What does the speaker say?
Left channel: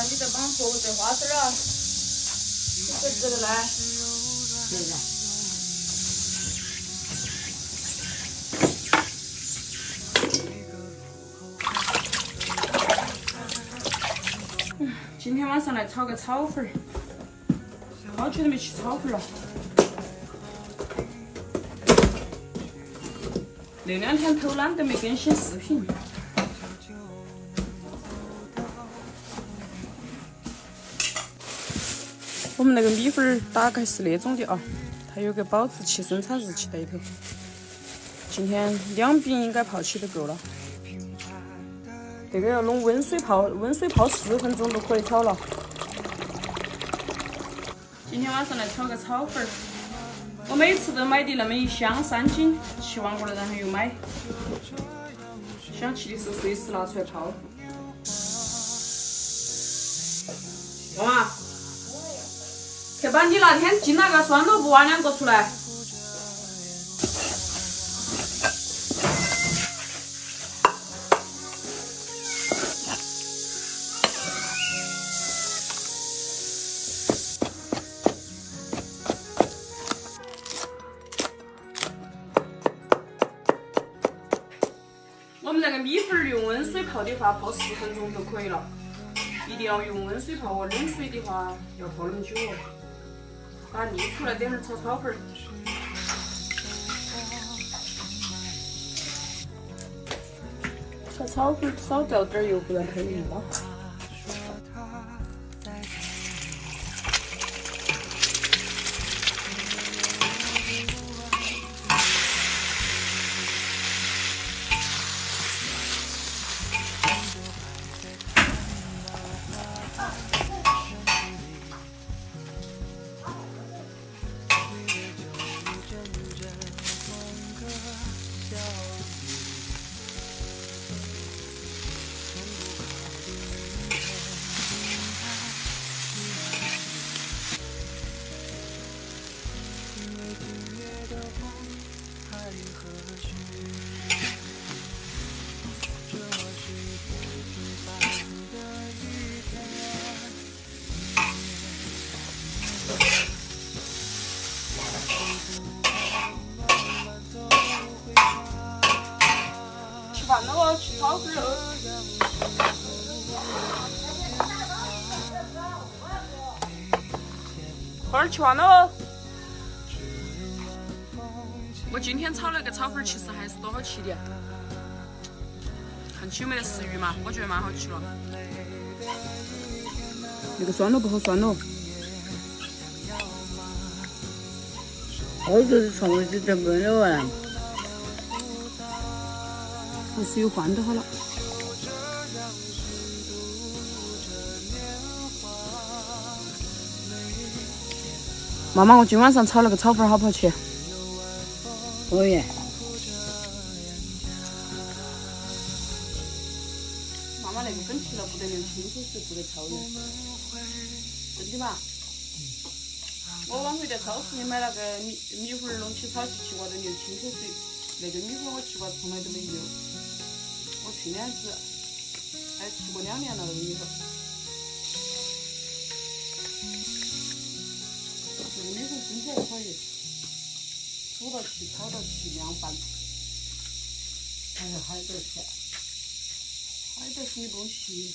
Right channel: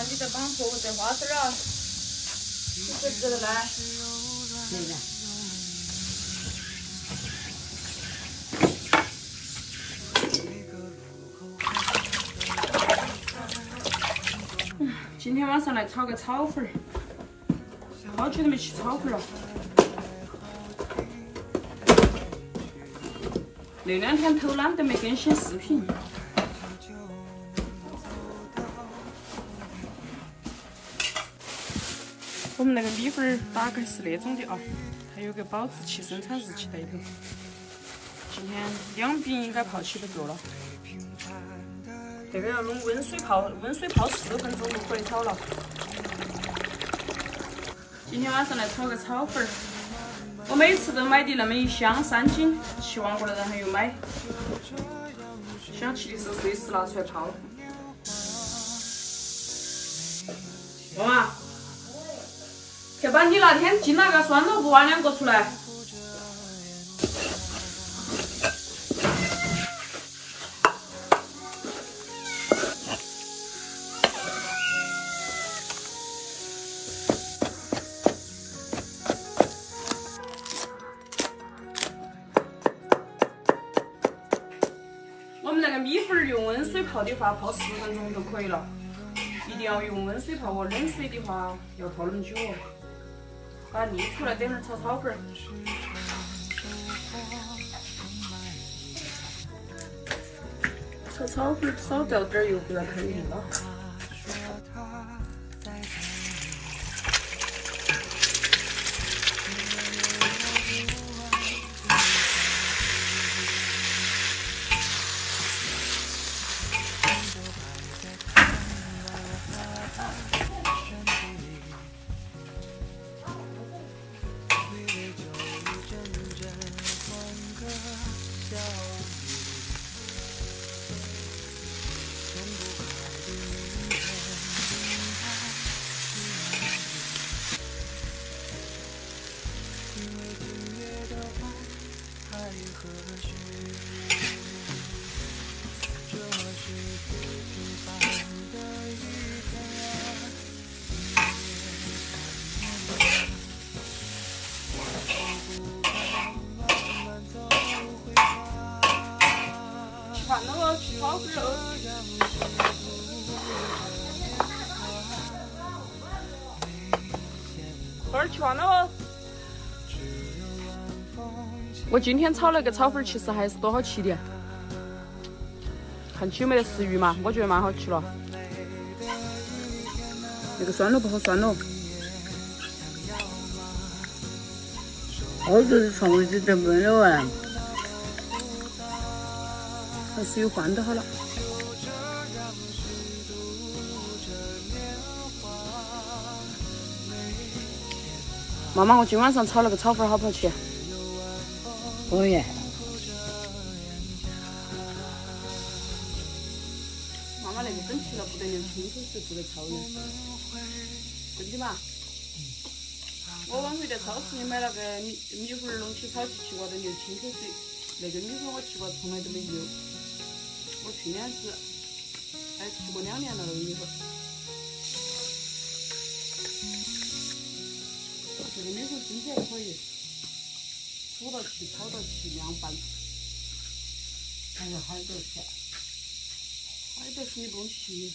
啊，你在帮婆婆摘花生了，这个来。今天晚上来炒个炒粉儿，好久都没吃炒粉了。那2天偷懒都没更新视频。我们那个米粉打开是那种的啊，它有个保质期、生产日期在里头。今天2饼应该泡起都够了。这个要弄温水泡4分钟就可以炒了。今天晚上来炒个炒粉儿，我每次都买的那么1箱3斤，吃完过了然后又买。想吃的时候随时拿出来泡。妈妈，去把你那天进那个酸萝卜挖2个出来。我们那个米粉用温水泡的话，泡4分钟就可以了。一定要用温水泡哦，冷水的话要泡那么久哦。把沥出来，等会儿炒炒粉儿。炒炒粉儿少掉点油，不然太硬了。那个炒粉肉，粉儿吃完了。我今天炒那个炒粉儿，其实还是多好吃的。看起有没得食欲嘛？我觉得蛮好吃了。那个酸萝卜好酸哦。我就是从来就这么的玩。还是有饭就好了。妈妈，我今晚上炒那个炒粉好不好吃？可以。妈妈那个粉吃了不得流清口水，不得超盐，真的嘛？我往回在超市里买那个米粉弄起炒起西瓜都流清口水，那个米粉我吃过从来都没流。我去年子还吃过2年了那个米粉。这个那时候身体还可以，煮到起、炒到起、凉拌。还有海豆馅。海豆是你不用洗。